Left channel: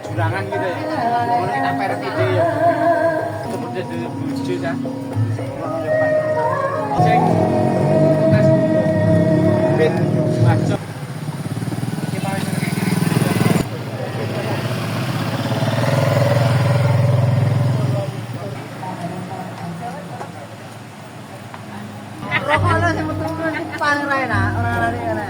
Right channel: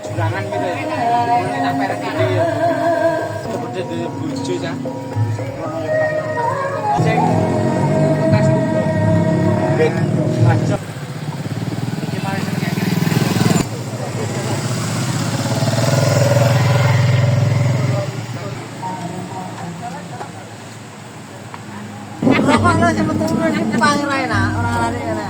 Jurangan gitu ya. Mau kita perek ide ya. Kemudian dari bujo ya. Sing tes ben maco. Rokok sing metu paling enak, ora lari enak.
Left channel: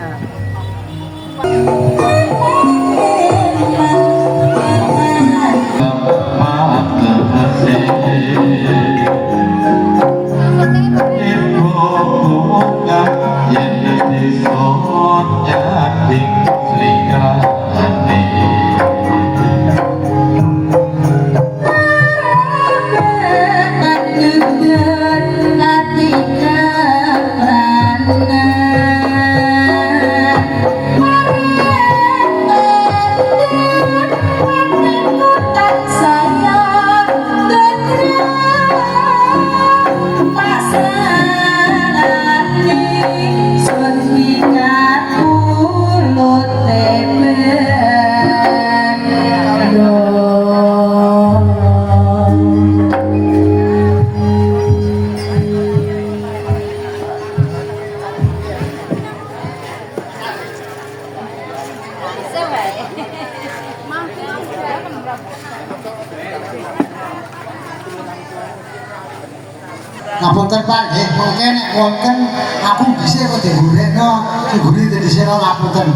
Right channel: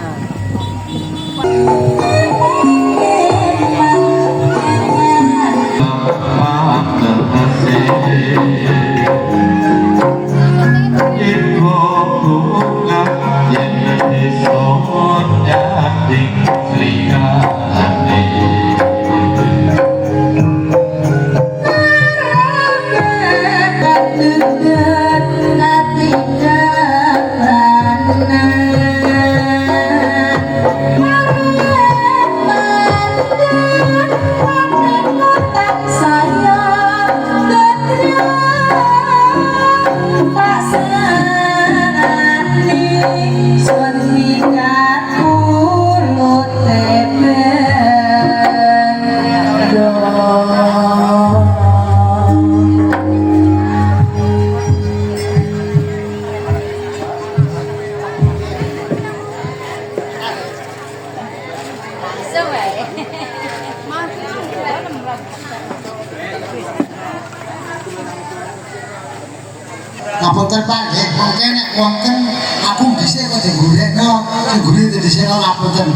Ngapunten Pak, nggih, mungkin nek wonten aku dhisik kok digureno, diguri dhisik kok ngapunten.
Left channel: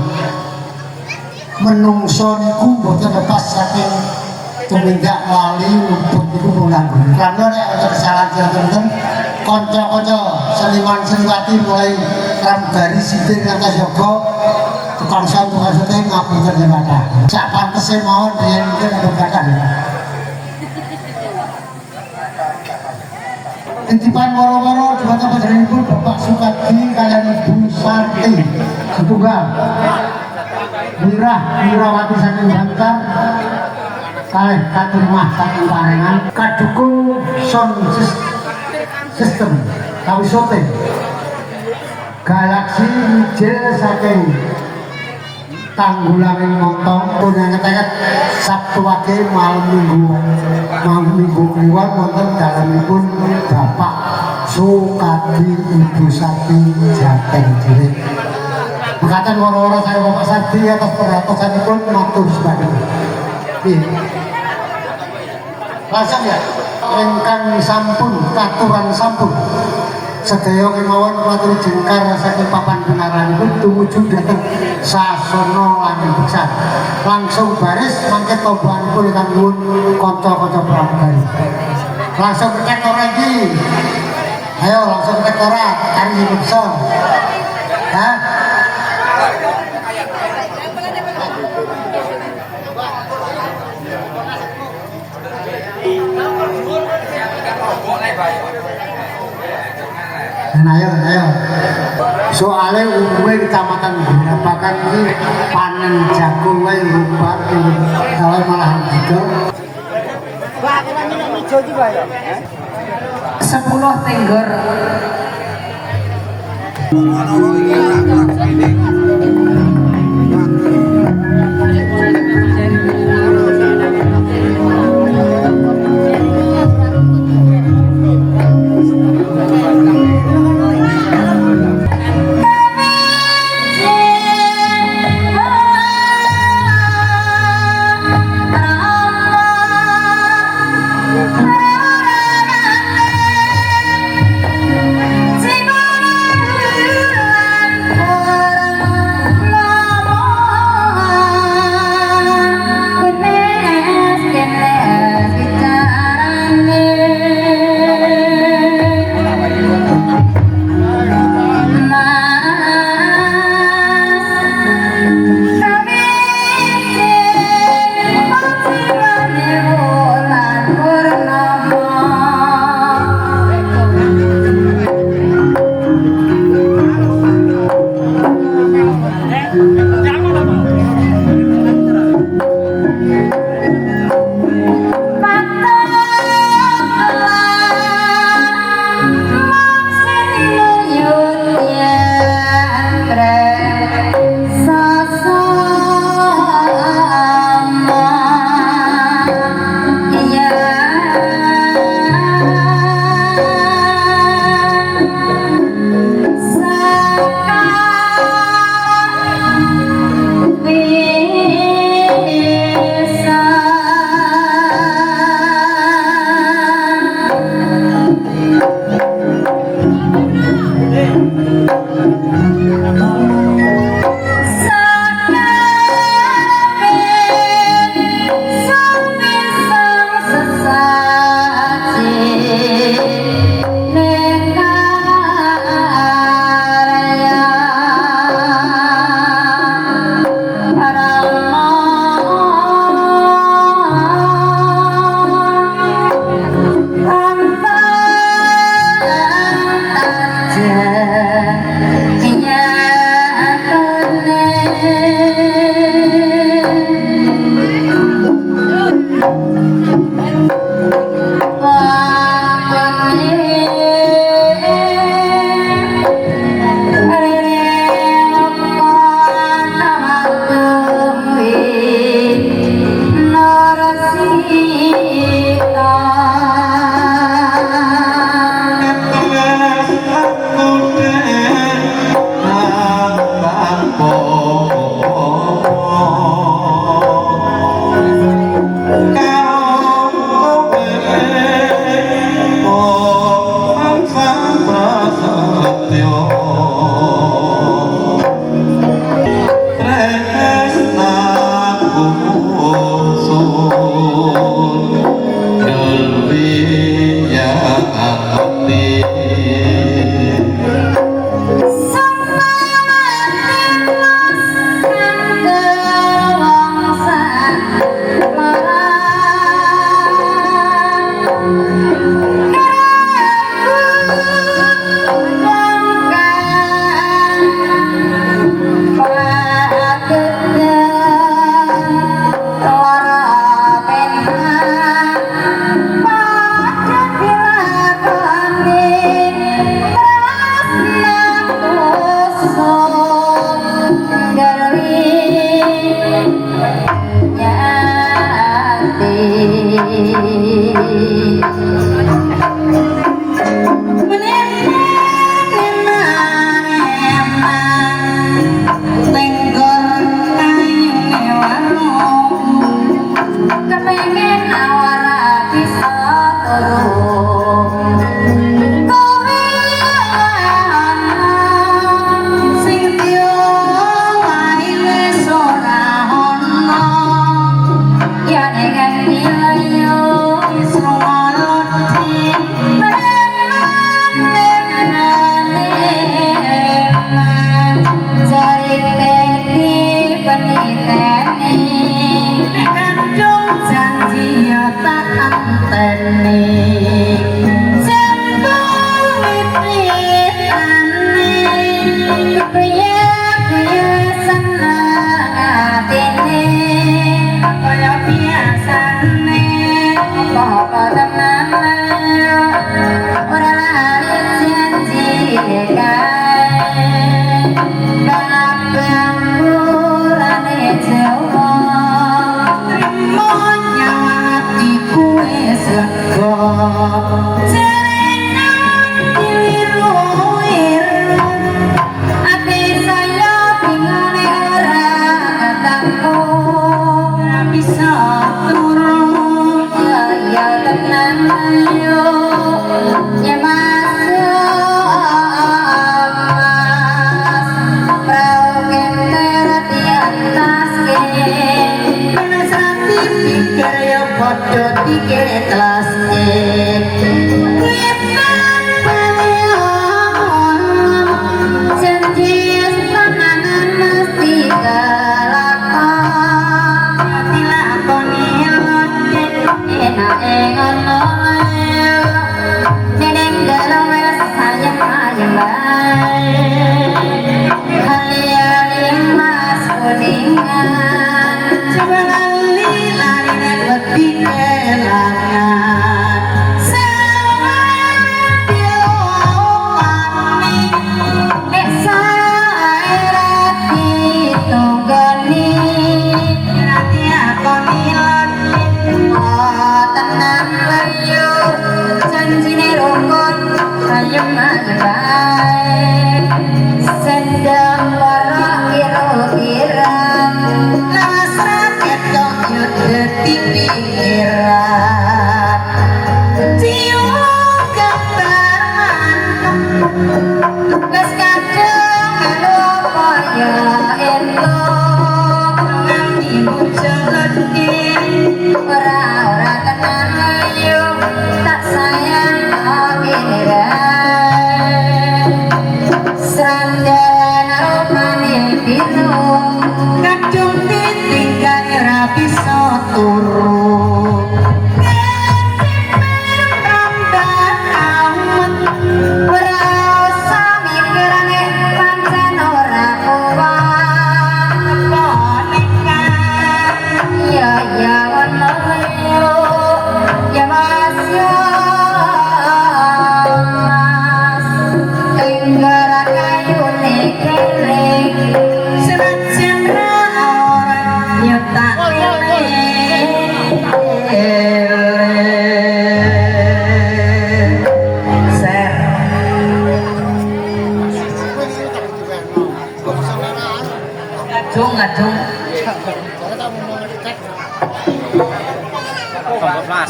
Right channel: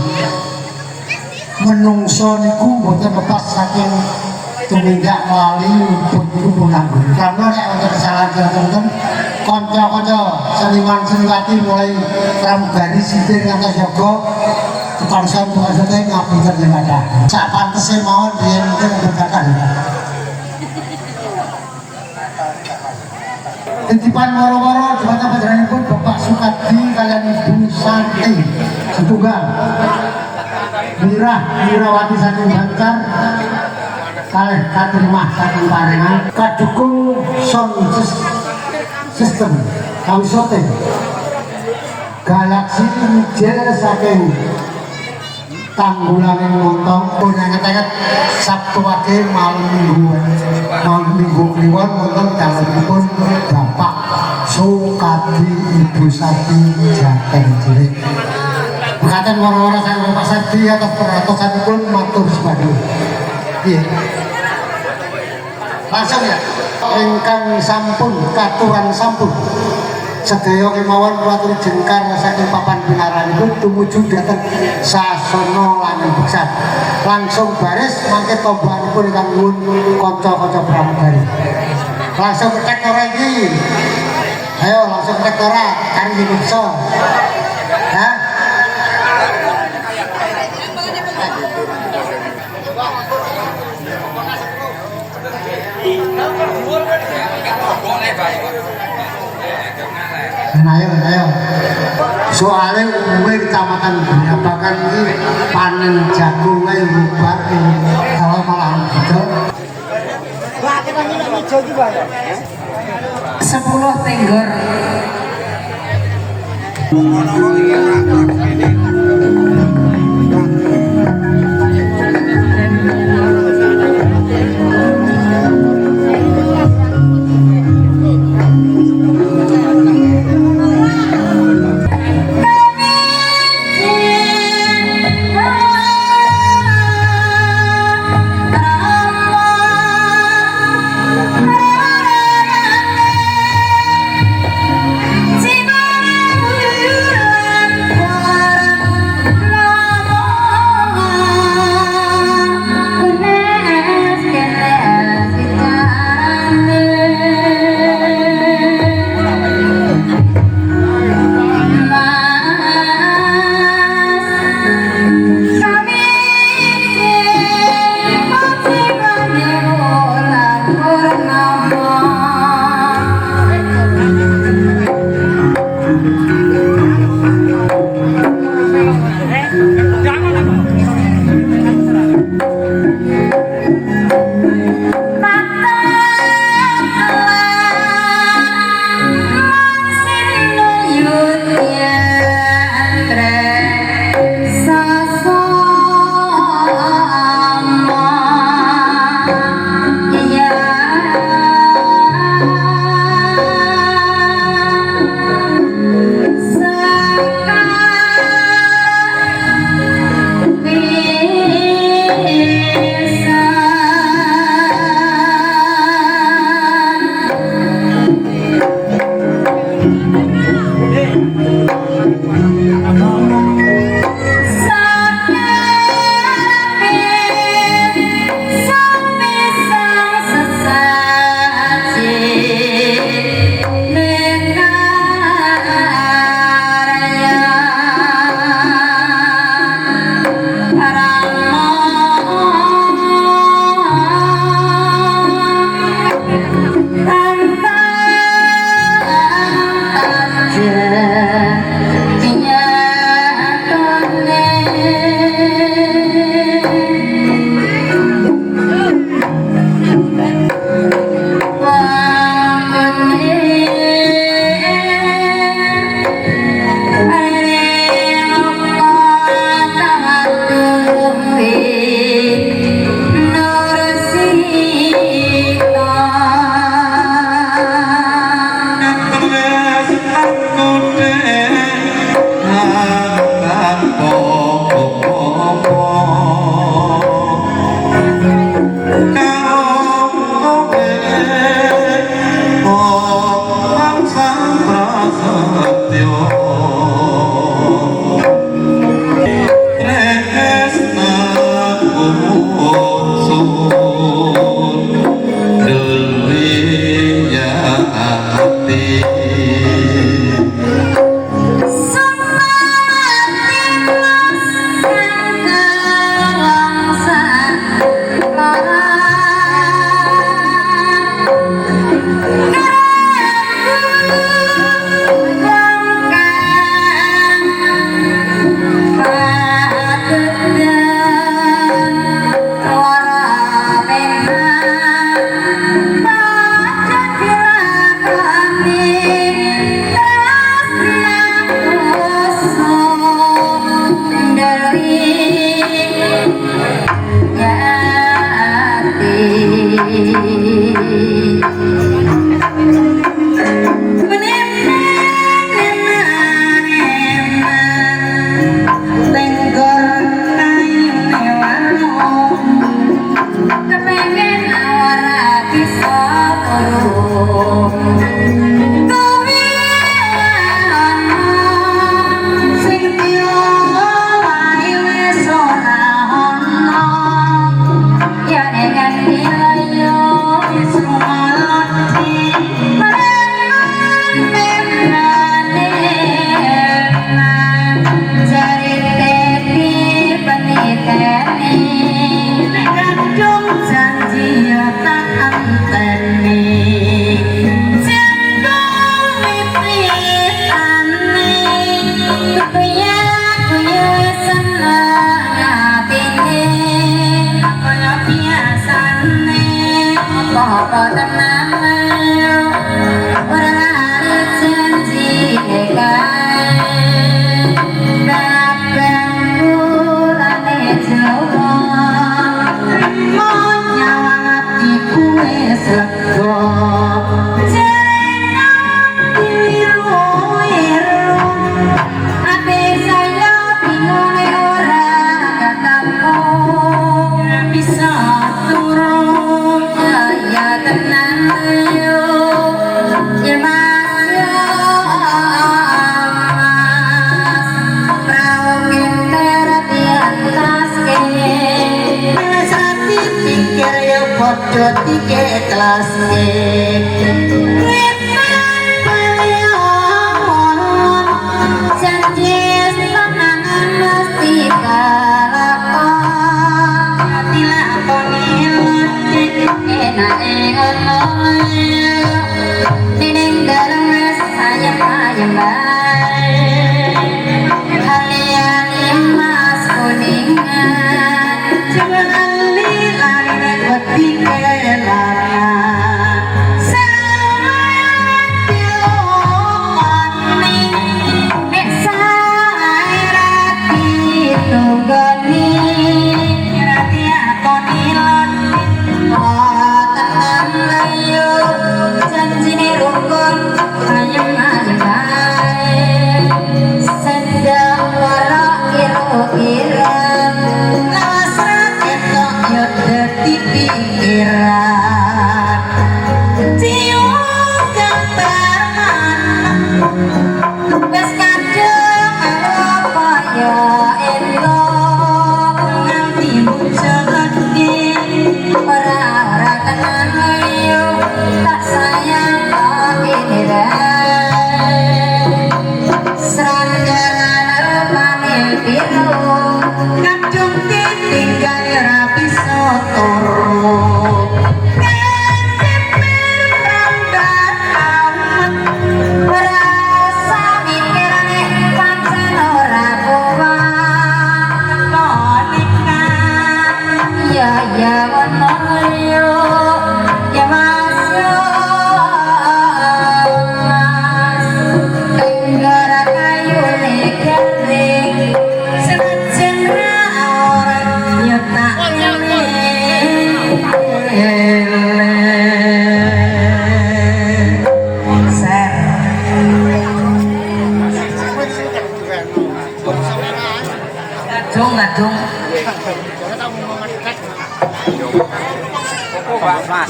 Menungso niku mboten lepas saking tumindak lali luput niku menanggung. Karena nek wonten kesalahan tertentu kanca-kanca seniman-seniwati mulai pramugari sipir ngantos yoga tukang sampun maksudnya ngapunten yen kathah. Sak pantese mawon yen mungkin berkatan. Titipan waro-waro jembatan panjenenganipun Bapak Sukadi kalian Ibu Santi setunggal Mirawati saking Bantar kalih katerima saking Parengan kadukung sound system kawisote Galaxy Mijil saking Tanggulaning Montong punenget-enget Sabtu wage malam minggu kliwon wonten dalemipun Bapak Sukadi Ibu Sati Jateng Cilik. Mekaten waro-waro kaliyan Pak Sadi atas peratosanipun matur sembah. Nggih. Langsung ya. Ingkang sampun katuran sampun sedaya kemawon kula aturi jengkar saking papan pinaranipun tumuju dhateng sasana lan beksan. Langsung baris mangke tobahanipun ingkang nuwun kanca-kanca pramugari. Langsung ketek ora iki. Ayo langsung ketek ora kari beksa. Hah? Ayo. Soalnya umumnya kecamatan Benapakan ini panen jagung wae rubat kalau malah gitu. Wah, kita minum hijau juga ya. 10 tenggor. Jiwa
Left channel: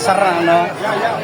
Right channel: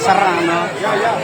Pasar ano. Ya.